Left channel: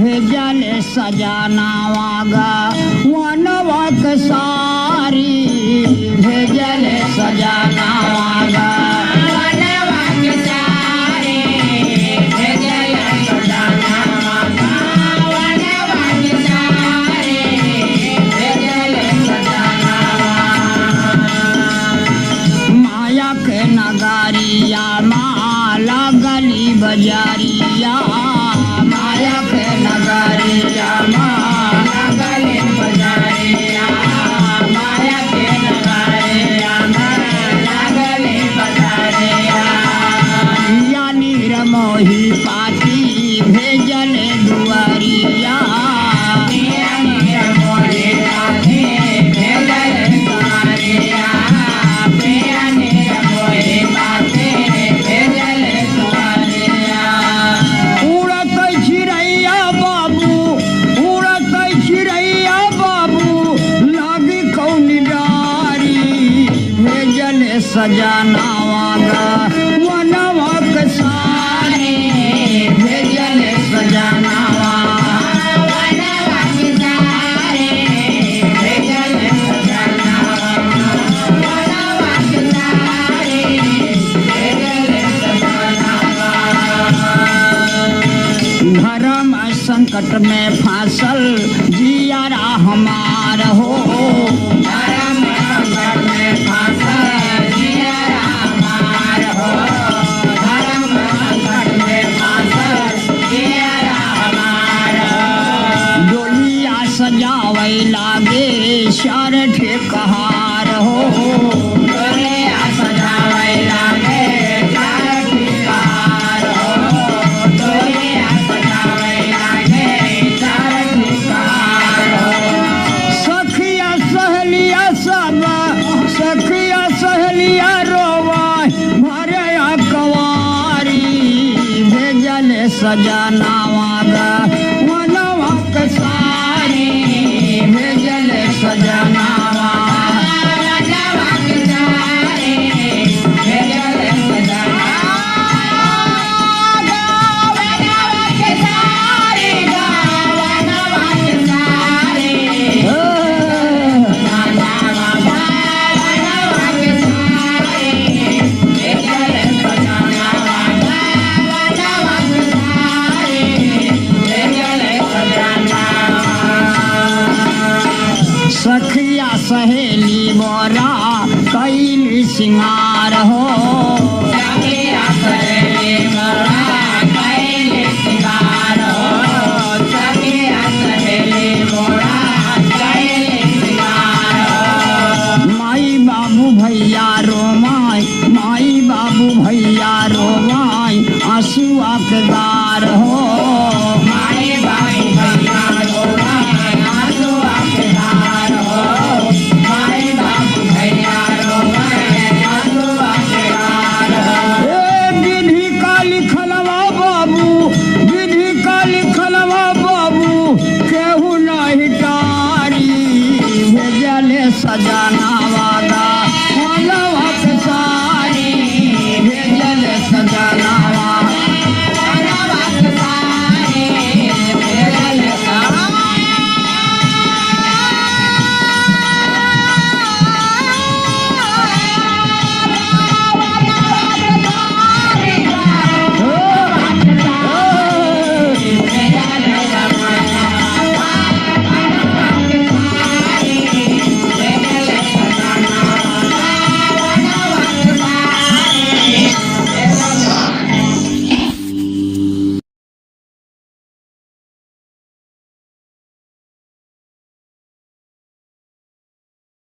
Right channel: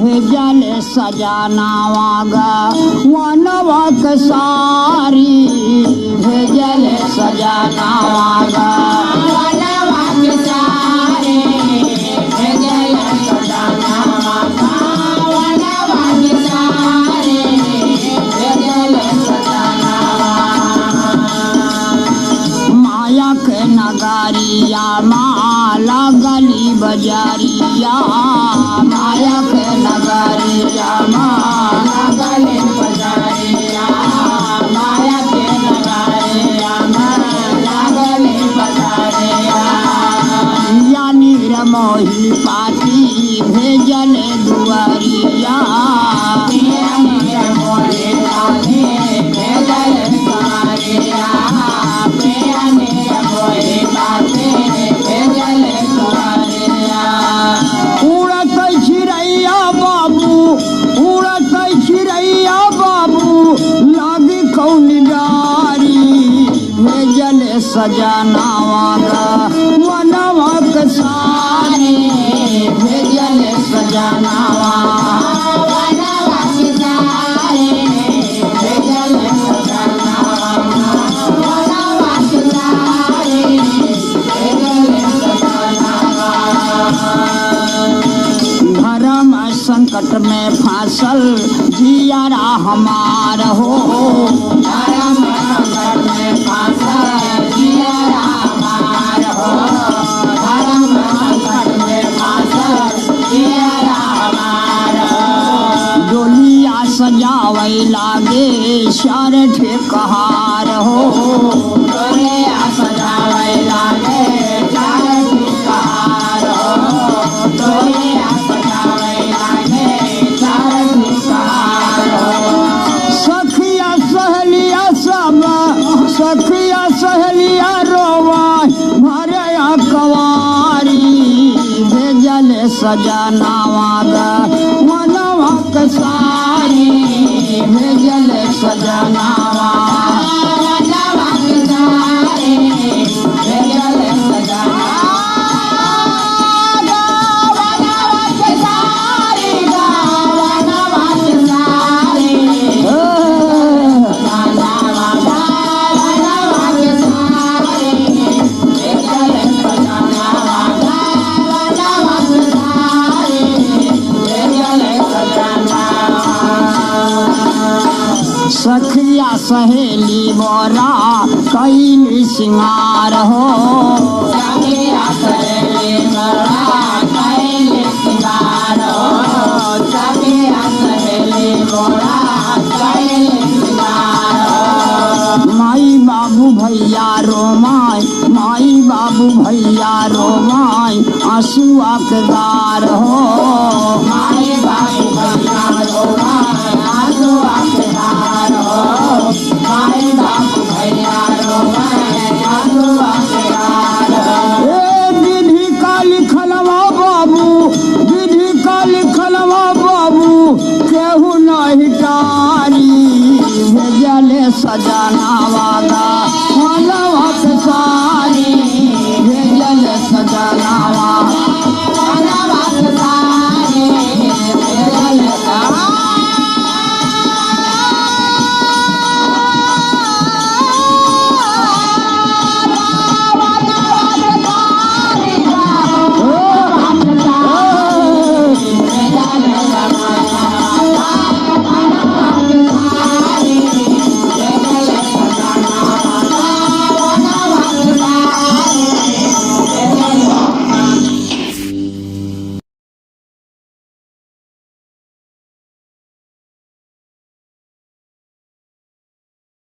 भेजले सजनावा गा वनवा के सारी भेजले सजनावा गा वनवा के सारी भेजले सजनावा गा वनवा के सारी भेजले सजनावा माया के नगारिया माला गली बजारिया माया के नगारिया माला गली बजारिया माया के नगारिया माला गली बजारिया यानी रमोही पाती भेजले दुआरिया यानी रमोही पाती भेजले दुआरिया यानी रमोही पाती भेजले दुआरिया उड़त चिड़ैया बाबू उड़त चिड़ैया बाबू लागी कौन डारी भेजले सजनावा गा वनवा के सारी भेजले सजनावा वनवा के सारी भेजले सजनावा वनवा के सारी भेजले सजनावा धर्म संकट में फांसल जियारा हमार हो धर्म संकट में फांसल जियारा हमार हो धर्म संकट में फांसल जियारा हमार हो डोलिया सजावे लागे शर ठेकहार हो डोलिया सजावे लागे शर ठेकहार हो डोलिया सजावे लागे शर ठेकहार हो सखिया सहेलिया सब सखिया सहेलिया रोवा भरे कवारी भेजले सजना